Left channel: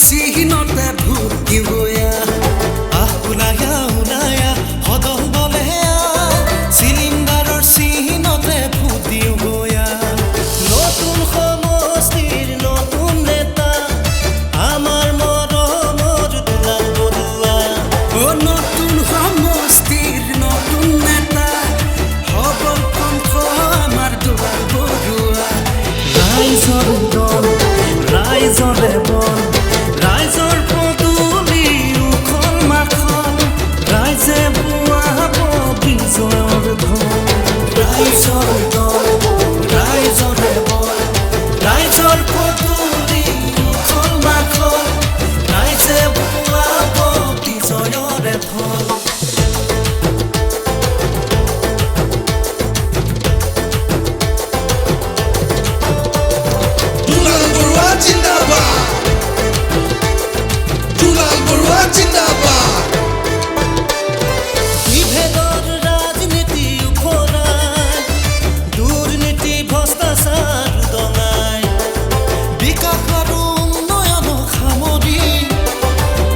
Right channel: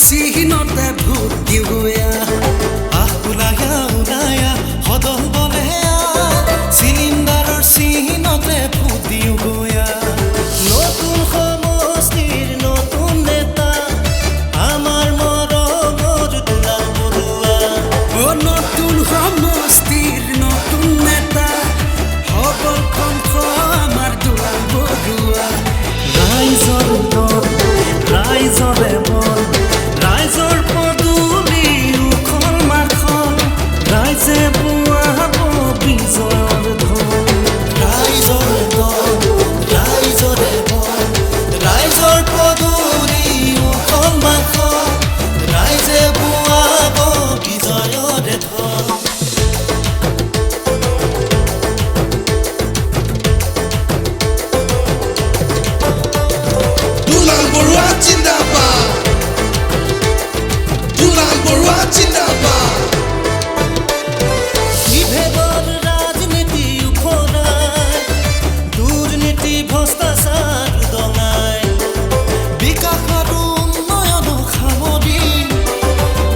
চিহ্নতে ভূত দিওয়া ওলায়া ওলায়া সদল বলে চিলিণ্ডাৰৰ চিহ্নতে ভূত দিও গয়া নতুন সমষ্টিৰ নতুন নেতা আমাৰ মৰমৰ দুলাল বৰুৱা নতুন সমষ্টিৰ নতুন নেতা সবল কণ্ঠ আমাৰ দুলাল বৰুৱা ৰাইজৰ দল ৰাইজৰে বল ৰাইজৰ পদূলি উখল মাখল ৰাইজে বোৱাব বিজয়ৰ ঢল ৰাইজৰ দল ৰাইজৰে বল ৰাইজৰ পদূলি উখল মাখল ৰাইজে বোৱাব বিজয়ৰে ঢল বিভেদৰ ৰাজনীতি উফৰাই দুৰ্নীতি ভ্ৰষ্টাচাৰ উদঙাই বিকাশ আৰু উন্নয়ন সামৰি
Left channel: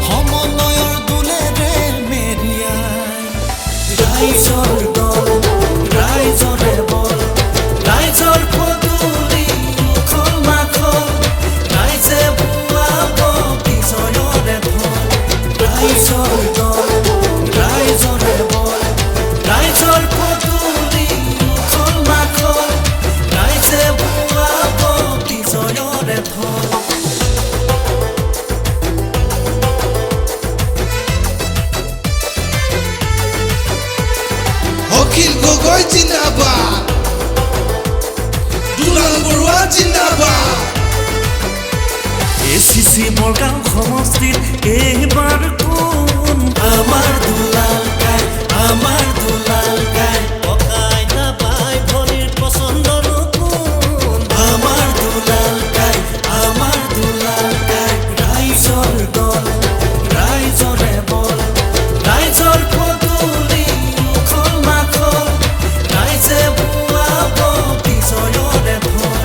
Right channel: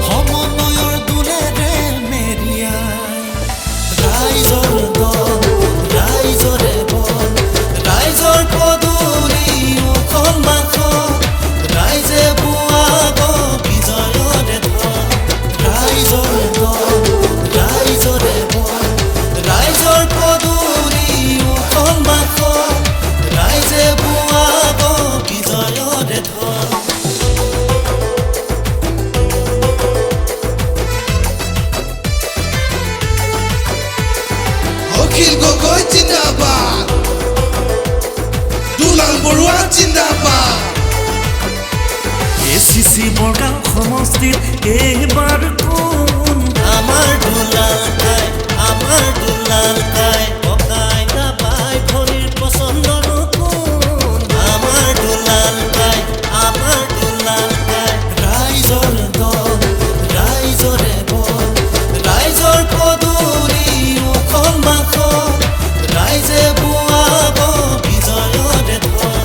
সমন্বয়ৰ দোলেৰে মেৰিয়াই ৰাইজৰ দল ৰাইজৰে বল ৰাইজৰ পদূলি উখল মাখল ৰাইজে বোৱাব বিজয়ৰে ঢল ৰাইজৰ দল ৰাইজৰে বল ৰাইজৰ পদূলি উখল মাখল ৰাইজে বোৱাব বিজয়ৰে ঢল অখিল গগৈ জিন্দাবাদ দুলাল বৰুৱা জিন্দাবাদ ACC বৰগাঁও সমষ্টিত এইবাৰ কোন আমাৰ দুলাল গাই ককা আইতা বাই ভনীৰ পচন্দৰ কোন আমাৰ দুলাল গাই ৰাইজৰ দল ৰাইজৰে বল ৰাইজৰ পদূলি উখল মাখল ৰাইজে বোৱাব বিজয়ৰে ঢল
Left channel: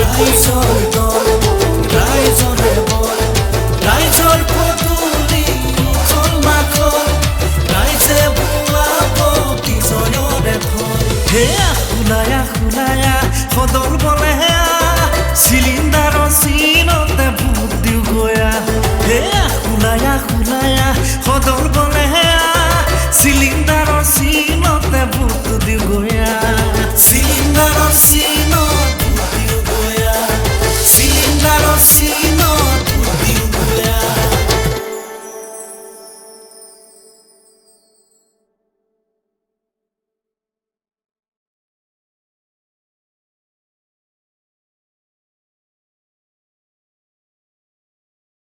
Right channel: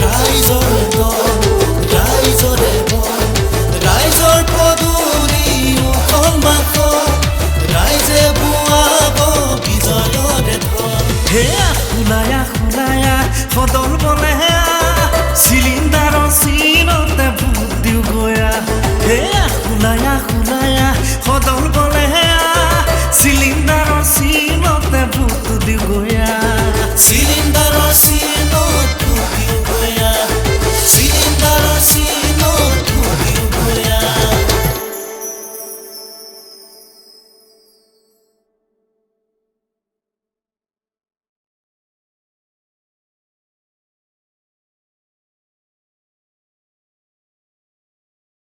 ৰাইজৰ দল ৰাইজৰে বল ৰাইজৰ পদূলি উখল মাখল ৰাইজে বোৱাব বিজয়ৰে ঢল হেয়া খোলায়া খোলায়া সদল বলে চিলিণ্ডাৰৰ চিনতে ভূত দিও গয়া হেয়া খোলায়া খোলায়া সদল বলে চিলিণ্ডাৰৰ চিনতে ভূত দিও গয়া চিলিণ্ডাৰৰ